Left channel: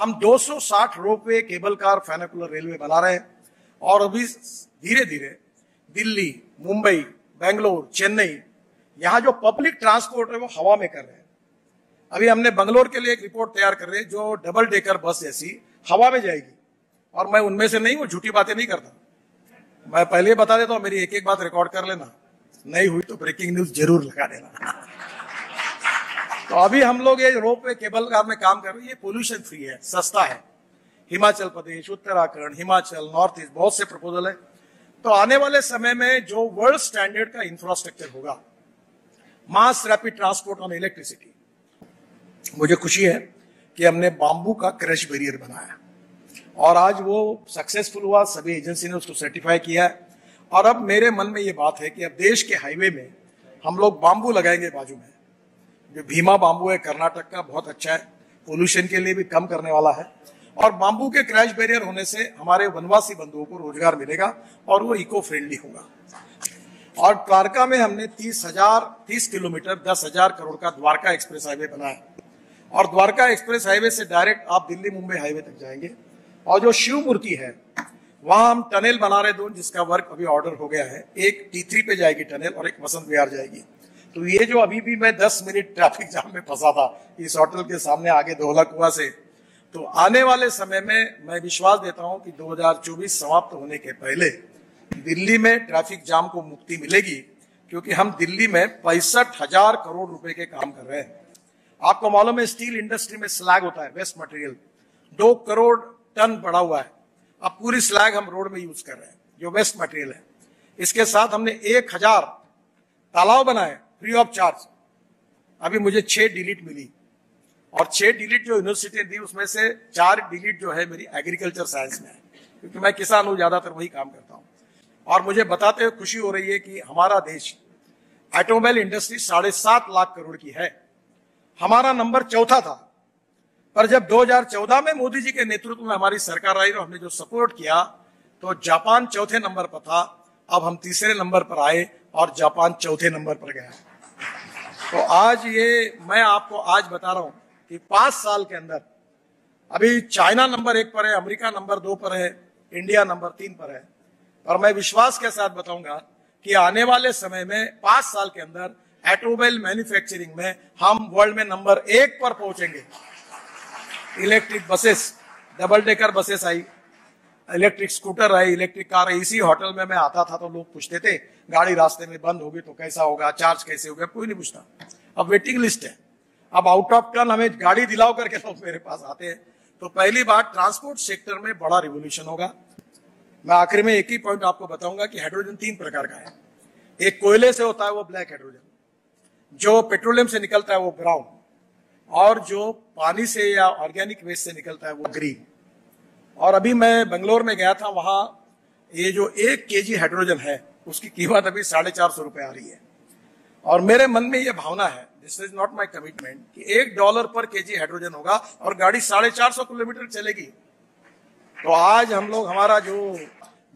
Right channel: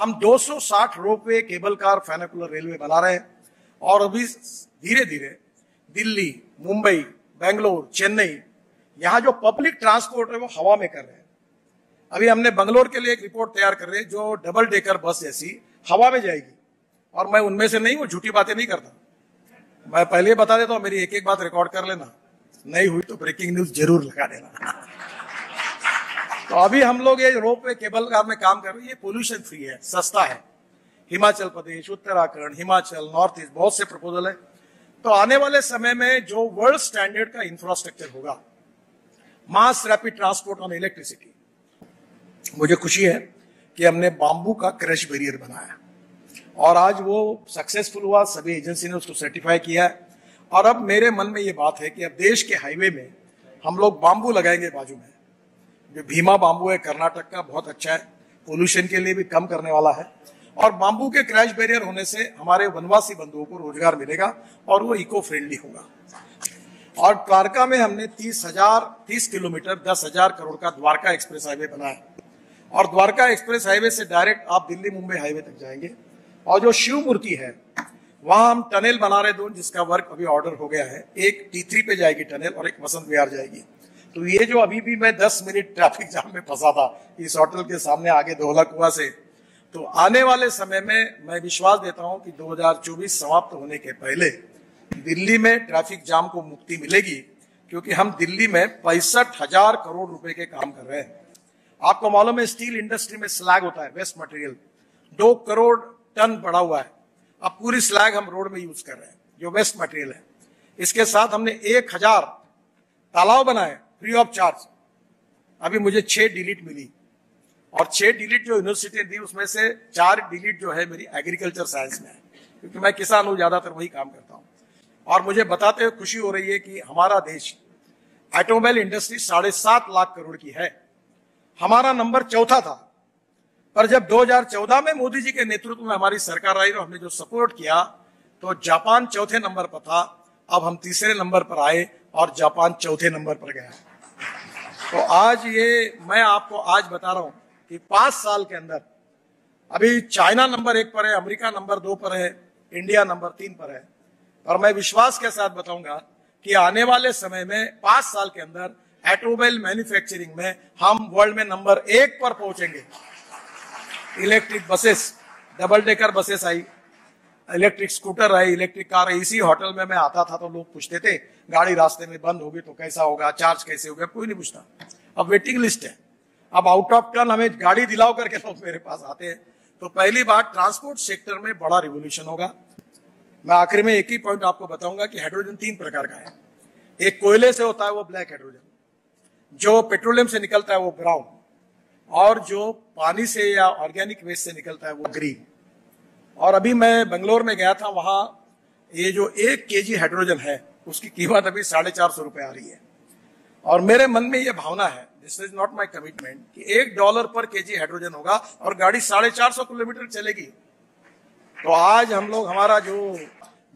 हम 260 ropeway, cable car, फेनिकुलर railway बना रहे हैं और अभी धीरे धीरे दिल्ली, मुंबई, बेंगलोर, चेन्नई, यहाँ जो पब्लिक ट्रांसपोर्ट है वो हवा में कर रहे हैं। अभी हमने बंगलोर के लिए एक रिपोर्ट तैयार कर रहे हैं जो डबल डेकर बस जैसी हवा में जाएगी, और मैं उनमें से नहीं हूं, झूठी बातें नहीं करता। मैं पहले बता देता हूं, मेरी एक एक बात रिकॉर्ड कर लेना, नहीं हुई तो ब्रेकिंग न्यूज जरूर लगा देना। तो अभी हम लोग ये रोपवे, केबल कार में काम कर रहे हैं, ये पोल्यूशन फ्री है, सस्ता है। हिमाचल प्रदेश, उत्तराखंड, हिमाचल, नॉर्थ ईस्ट, बहुत से प्रपोजल है। तो आने वाले समय में जो वर्ल्ड स्टैंडर्ड का इंफ्रास्ट्रक्चर होगा, mass rapid transport on electricity, मुझे खुशी है कि हमने बांबू का क्रश बैरियर बनाया और आज वो सक्सेसफुल हुआ, सभी एजेंसी ने उसको सर्टिफाई किया है। और अब मेरे मन में ये बात है कि अब देश के हाईवे में हम लोग बांबू लगाएंगे बाजू में। जो भीमा बांबू है कर्नाटक का, बहुत अच्छा है, पोल्यूशन के लिए भी कम करने वाला है। और बांबू के क्रैश बैरियर होने से हमारे वनवासी बंधुओं को रोजगार मिलेगा और वो इको फ्रेंडली होगा। और द्वारका में हमने 30 किलोमीटर 10,000 करोड़ का द्वारका एक्सप्रेस हाईवे बनाया और द्वारका एक्सप्रेस हाईवे से डायरेक्ट आप दिल्ली मुंबई हाईवे तक जाएंगे। और जो शिव मूर्ति है वहां हम टनल बना रहे दो, जिसका वर्क अभी ऑर्डर हो गया है। एक T3 पे जाएगी टनल और एक वसंत विहार जाएगी। तो ये जो अभी भी मैं 10 मिनट ट्रैफिक जाम में फंसा था इस होटल के सामने आगे दोहला कुआं से, तो आने वाले समय में मैं विश्वास देता हूं कि 2024 समाप्त होने के पहले दिल्ली में ट्रैफिक जाम को मुक्ति मिलेगी, क्योंकि हम दिल्ली में 65,000 करोड़ रुपए के काम कर रहे हैं। आपको मालूम है स्टील इंडस्ट्री में स्लैग होता है, वेस्ट मटेरियल 2 करोड़ टन पड़ा हुआ है। अब पूरी स्लैग हम रोड में यूज कर रहे हैं जो वेस्ट मटेरियल है। इसके साथ हमने 1000 तालाब बनाए फ्री ऑफ चार्ज। अभी मुझे 6 डिलीट मिली और 6 डिलीट जो यूनिवर्सिटी दी उसमें से 4 डिलीट जो है मेरी एग्रीकल्चर साइंस में है, क्योंकि मैं किसान हूं, ज्यादातर वही काम करता हूं। और मुझे बताते हुए खुशी हो रही है कि हमारा देश ऑटोमोबाइल इंडस्ट्री 7.5 लाख करोड़ की है। हमारा नंबर 4था था, पर जब 2014 में मोदी जी के नेतृत्व में हमारी सरकार आई और हमने जो सपोर्ट किया तो जापान 4थे नंबर पर था। अब हम 3रे नंबर पर आए और जापान 4थे नंबर पर गया। तो आज ये मैं आपको आज बता रहा हूं कि 5 साल के अंदर अभी चाइना नंबर 1 पर है, अमेरिका नंबर 2 पर है, इंडिया नंबर 3 पर है। और मैं विश्वास के साथ बताऊंगा कि आने वाले समय में 5 साल के अंदर ऑटोमोबाइल मैन्युफैक्चरिंग में हम वर्ल्ड में नंबर 1 पर पहुंचेंगे। Electric buses, double decker buses आई, इलेक्ट्रिक स्कूटर आई, इलेक्ट्रिक कार आई। इसी होटल में मैं आता था तो लोग पूछते थे गाड़ी रास्ते में बंद होगी तो कैसा होगा, चार्ज कैसे होगा, कोई नहीं पूछता। अब वेटिंग लिस्ट है, अब आउट ऑफ टर्न हमें गाड़ी दिलाओ करके लोग मेरे पास आते हैं। तो पहली बात ट्रांसपोर्ट सेक्टर में बड़ा रिवोल्यूशन होगा। मैं आखिर में एक ही पॉइंट आपको बताऊंगा कि हाइड्रोजन 3 प्रकार का है। एक कोयले से होता है वो ब्लैक हाइड्रोजन, जो पेट्रोलियम से निकलता है वो ब्राउन, और जो पानी से या ऑर्गेनिक वेस्ट से निकलता है वो ग्रीन। और अभी मैं बेंगलोर में गया था, वहां ये जो 1 kg हाइड्रोजन है उसकी कीमत अभी 450 रुपए आ रही है। और मेरे मन में ये भावना है, this is not my commitment, कि $1 पर kg हाइड्रोजन होगा और गाड़ी 450 किलोमीटर चलेगी। तो आज हम लोग हमारा जो,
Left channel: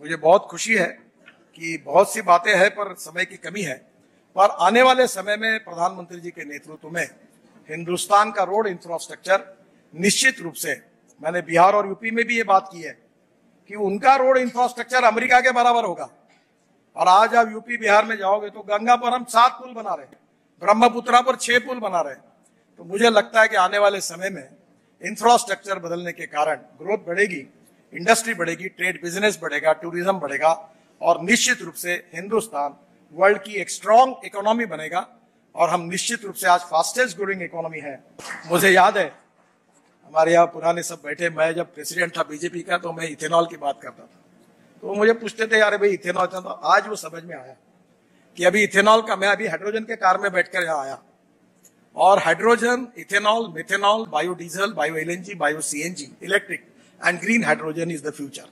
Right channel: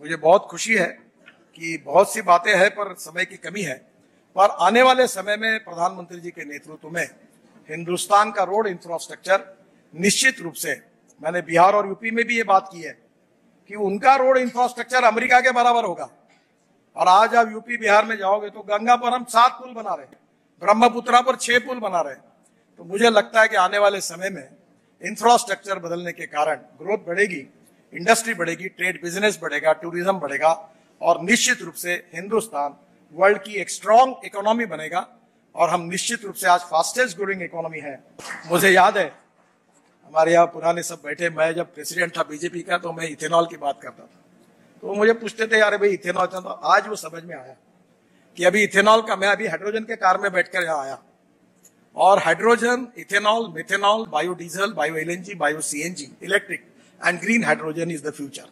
मुझे बहुत खुशी है कि बहुत सी बातें हैं पर समय की कमी है, पर आने वाले समय में प्रधानमंत्री जी के नेतृत्व में हिंदुस्तान का रोड इंफ्रास्ट्रक्चर निश्चित रूप से, मैंने बिहार और यूपी में भी ये बात की है कि उनका रोड इंफ्रास्ट्रक्चर अमेरिका के बराबर होगा। और आज आप यूपी बिहार में जाओगे तो गंगा पर हम 7 पुल बना रहे हैं, ब्रह्मपुत्रा पर 6 पुल बना रहे हैं। तो मुझे लगता है कि आने वाले समय में इंफ्रास्ट्रक्चर बदलने के कारण ग्रोथ बढ़ेगी, इंडस्ट्री बढ़ेगी, ट्रेड बिजनेस बढ़ेगा, टूरिज्म बढ़ेगा और निश्चित रूप से हिंदुस्तान वर्ल्ड की एक स्ट्रॉन्ग इकोनॉमी बनेगा। और हम निश्चित रूप से आज फास्टेस्ट ग्रोइंग इकोनॉमी है। मुझे याद है हमारे यहाँ पुराने सब बैठे, मैं जब प्रेसिडेंट था बीजेपी का तो मैं इथेनॉल की बात करता था, तो मुझे पूछते थे यार भाई इथेनॉल, तो आज वो समझ में आया कि अभी इथेनॉल का, मैं अभी हाइड्रोजन के कार में बैठकर यहाँ आया और hydrogen, ethanol, methanol, biodiesel, bio LNG, bio CNG, electric and green hydrogen is the future.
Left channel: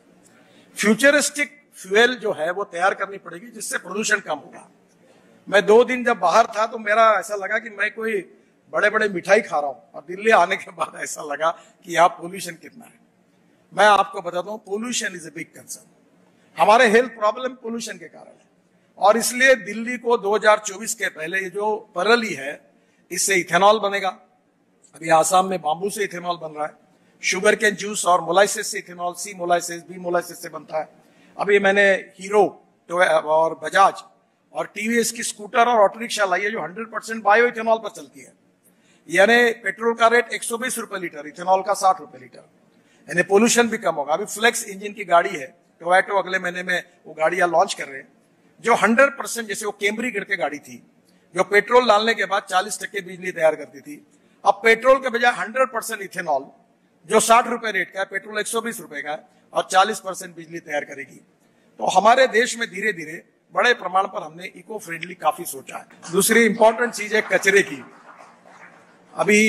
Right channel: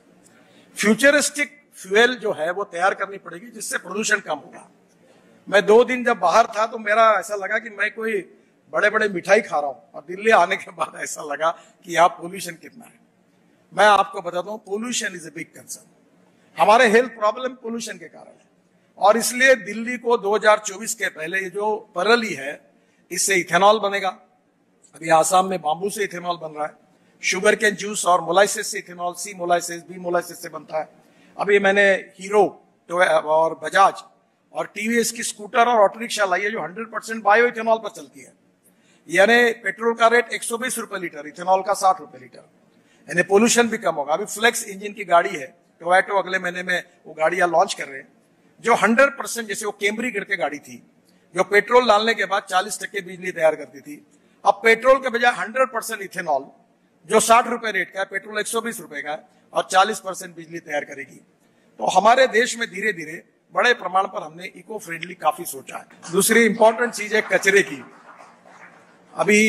Futuristic fuel जो है वो तैयार करनी पड़ेगी जिससे प्रदूषण कम होगा। मैं 2 दिन जब बाहर था तो मेरा ऐसा लगा कि मैं कोई बड़े बड़े मिठाई खा रहा हूं, और दिल्ली आने के बाद ऐसा लगा कि यहाँ पोल्यूशन कितना है। मैं आपको बताता हूँ, pollution is a big concern. हमारे हेल्थ प्रॉब्लम पोल्यूशन के कारण है, और इसलिए दिल्ली को 2024 के पहले ये जो परली है इससे इथेनॉल बनेगा। अभी आसाम में बांबू से इथेनॉल बन रहा है, शुगर कैन जूस और मोलाइसिस से इथेनॉल, सी मोलाइसिस, बी मोलाइसिस से बनता है। अभी मैंने हीरो और बजाज और टीवीएस की स्कूटर और ऑटो रिक्शा लाई है जो 100% बायो इथेनॉल पर चलती है। यानी पेट्रोल का रेट 120 रुपए लीटर, इथेनॉल का 60 रुपए लीटर, यानी पोल्यूशन भी कम होगा। अभी फ्लेक्स इंजन की गाड़ी है टोयोटा, अगले महीने में वो गाड़ियां लॉन्च कर रहे हैं जो 100%, जैसे वो कैमरी करके गाड़ी थी जो पेट्रोल डालने के बाद 40% बिजली तैयार करती थी, अब पेट्रोल के बजाय 100% इथेनॉल जो 60 रुपए रेट का है, पेट्रोल 120 रुपए का है और 40% बिजली तैयार करेगी। तो हमारे देश में धीरे धीरे बड़े प्रमाण पर हमने इको फ्रेंडली काफी सोचा है। दूसरी इंपॉर्टेंट चीज है कचरे की। अभी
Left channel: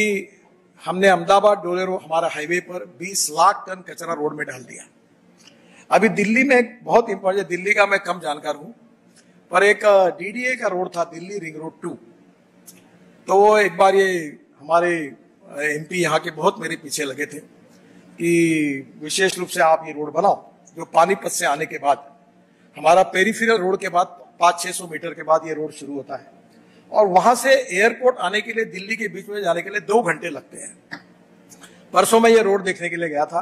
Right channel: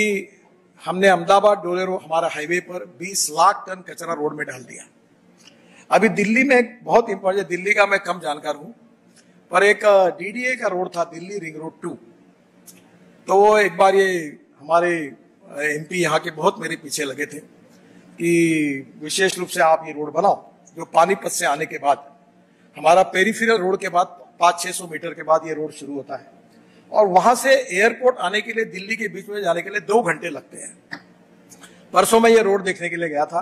हमने अहमदाबाद डोलेरो हमारा हाईवे पर 20 लाख टन कचरा रोड पे डाल दिया। अभी दिल्ली में बहुत इंपॉर्टेंट, दिल्ली का मैं कम जानकारी हूँ, फिर एक डीडीए का रोड था दिल्ली रिंग रोड, तो वो एक बार ये हमारे एमपी यहाँ के बहुत मेरे पीछे लगे थे कि विशेष रूप से आप ये रोड बनाओ, जो पानीपत से आने के बाद हमारा पेरिफेरल रोड के बाद 500-600 मीटर के बाद ये रोड शुरू होता है और वहां से एयरपोर्ट आने के लिए दिल्ली के बीच में जाने के लिए 2 घंटे लगते हैं। परसों मैं ये रोड देखने के लिए गया था,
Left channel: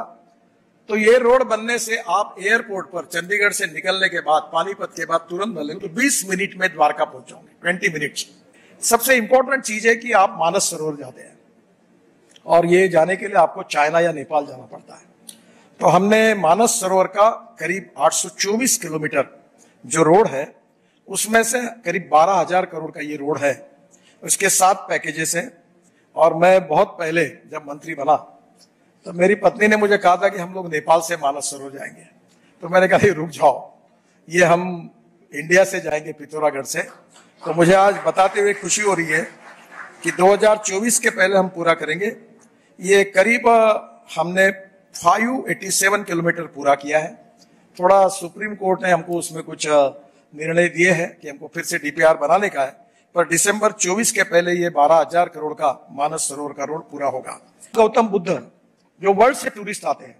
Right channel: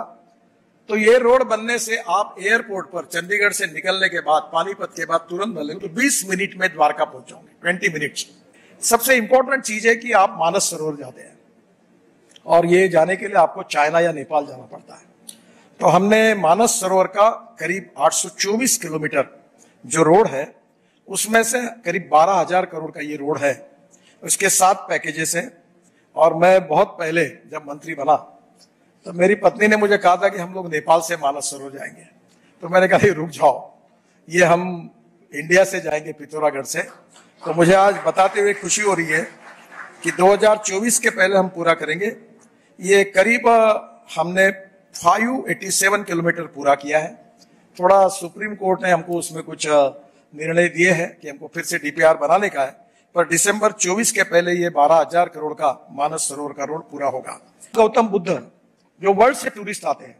तो ये रोड बनने से आप एयरपोर्ट पर चंडीगढ़ से निकलने के बाद पानीपत के बाद तुरंत बने तो 20 मिनट में द्वारका पहुंचोगे, 20 मिनट्स। सबसे इंपॉर्टेंट चीज है कि आप मानस सरोवर जाते हैं और ये जाने के लिए आपको चाइना या नेपाल जाना पड़ता है। तो हमने मानस सरोवर का करीब 824 किलोमीटर जो रोड है उसमें से करीब 12,000 करोड़ का ये रोड है, उसके 7 पैकेजेस है। और मैं बहुत पहले जब मंत्री बना तो मेरी पत्नी ने मुझे कहा था कि हम लोग नेपाल से मानस सरोवर जाएंगे, तो मैंने कहा रुक जाओ, ये हम इंडिया से जाएंगे पिथौरागढ़ से। तो मुझे आज बताते हुए खुशी हो रही है कि 2024 के पहले हम पूरा करेंगे। ये करीब हमने 587 किलोमीटर पूरा किया है। थोड़ा सुप्रीम कोर्ट ने हमको उसमें कुछ निर्णय दिए हैं कि हमको फिर से डीपीआर बनाने का है, पर दिसंबर 24 के पहले ये 12,000 करोड़ का मानस सरोवर का रोड पूरा होगा। गौतम बुद्ध जो वर्ल्ड से टूरिस्ट आते हैं,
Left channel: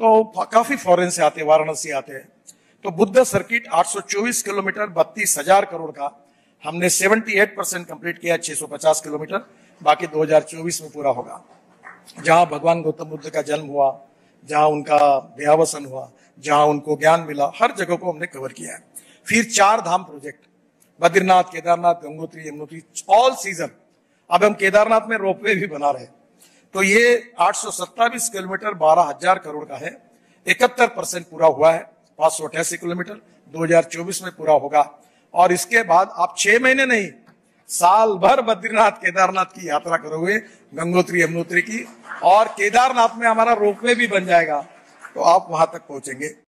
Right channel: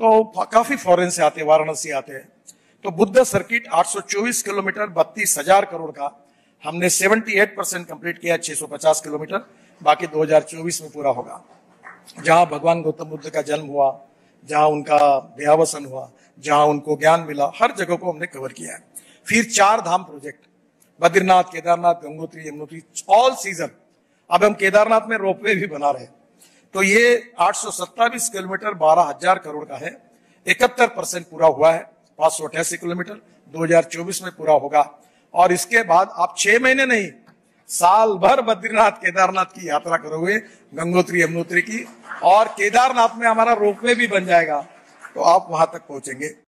तो काफी फॉरेन से आते हैं, वाराणसी आते हैं, तो बुद्ध सर्किट 824 किलोमीटर 32,000 करोड़ का हमने 78% कंप्लीट किया, 650 किलोमीटर बाकी 2024 में पूरा होगा। जहां भगवान गौतम बुद्ध का जन्म हुआ, जहां उनका देहावसन हुआ, जहां उनको ज्ञान मिला, हर जगह को हमने कवर किया। फिर 4 Dham project, Badrinath, Kedarnath, Gangotri, Yamunotri, all season. अब हम केदारनाथ में रोपवे भी बना रहे हैं। तो ये 827 किलोमीटर 12,000 करोड़ का है, 71% पूरा हुआ है। 588 किलोमीटर 2024 में पूरा होगा। और इसके बाद आप 6 महीने नहीं, साल भर बद्रीनाथ केदारनाथ की यात्रा करोगे, गंगोत्री यमुनोत्री की, और केदारनाथ में हमारा रोपवे भी बन जाएगा तो आप वहां तक पहुंचेंगे।